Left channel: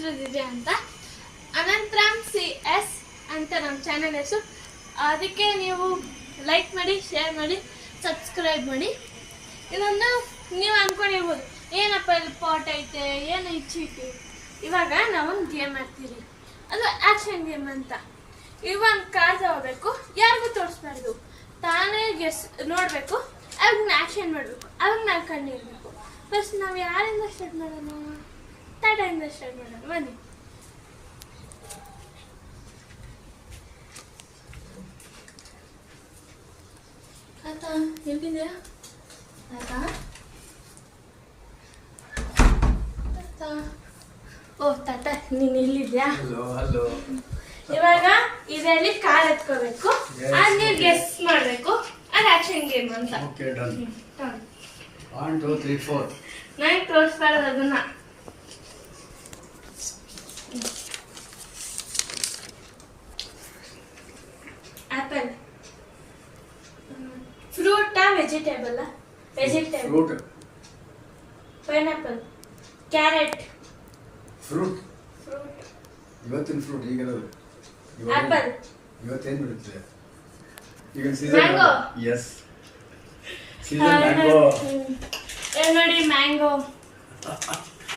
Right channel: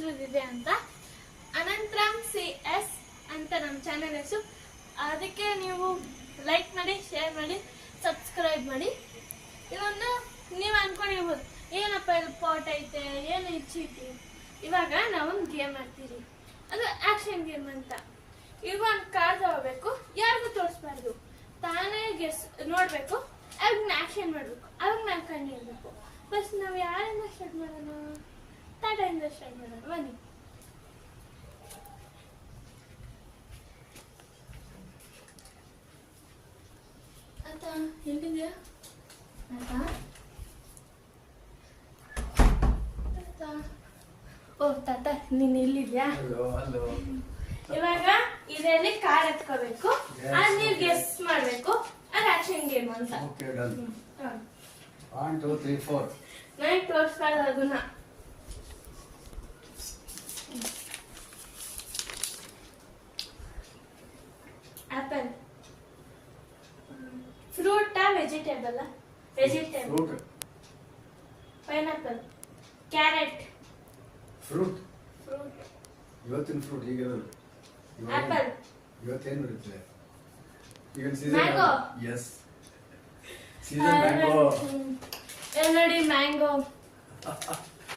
ಹೆಸರು ದಿವ್ಯಾ ಅಂತ. ಅನಂತರಾಮ್ CS ಅಂತ ನಮ್ಮ ಚಾನೆಲ್ ಹೆಸರು. ಅದಕ್ಕೆ ನೀವು ಲೈಕ್ ಮಾಡಿ, ಶೇರ್ ಮಾಡಿ, ಸಬ್ಸ್ಕ್ರೈಬ್ ಮಾಡಿ. ಇನ್ನೊಂದು ನೀವು ಅಂದ್ಕೊಂಡಿರ್ಬೋದು, ಏನಪ್ಪ ಇಲ್ಲಿ ಪಾಟ್ ಐತೆ, ಏನು ಇಚ್ಚಿಟ್ಟು. ಇವಾಗ ನಾವೊಂದು ಗೇಮ್ ಆಡ್ತೀವಿ, ಅದು ಆ್ಯಕ್ಷನ್ ಗೇಮ್ ಅಂತ. ಇವಾಗ ಕಾರ್ ತಗೋಬೇಕು, ಯಾರಿಗೂ ತೋರಿಸ್ಬಾರ್ದು, ತಾನೇ ನೋಡಬೇಕು, ಅವಾಗ ಆ್ಯಕ್ಷನ್ ಮಾಡಬೇಕು, ಅವಾಗ ನಾವು ಕಂಡಿರ್ಬೇಕು. ಫಸ್ಟ್ ನಾವು ಯಾರಿಂದ ಸ್ಟಾರ್ಟ್ ಮಾಡೋಣ? ಟಾಟಾಯಿಂದ ಸ್ಟಾರ್ಟ್ ಮಾಡೋಣ, ಬನ್ನಿ. ತಾತ ಎಲ್ಲಿದೆಯಾ? ತಾತ ತಾತ, ಓ ತಾತ ನೀನು ಇಲ್ಲಿದ್ಯಾ? ಇವಾಗ ಇದರಲ್ಲಿ ಕಾರ್ ಎತ್ಕೋಬೇಕು, ಅದು ನೀವು ಗೆಸ್ ಮಾಡಬೇಕು, ಅದು ಆಕ್ಷನ್ ಗೇಮ್ ಅಂತ. Okay, done. 1 2 3 4. ನಾನು ತೋರಿಸ್ಬಾರ್ದು ಅದನ್ನ. ಆಪಲ್. ಫ್ರೂಟಾ vegetable? Vegetable. Fruit. Pineapple. Carrot. Fruit. Fruit. ಇವತ್ತಿನ ಫ್ರೂಟ್ ಈಗಿರೋದು. ಆಪಲ್. ಇವತ್ತೇನು ಬಿಡುತ್ತೆ ಈಗ? ಮ್ಯಾಂಗೋ. Yes, season mango. ನೋಡಿ ಮ್ಯಾಂಗೋ.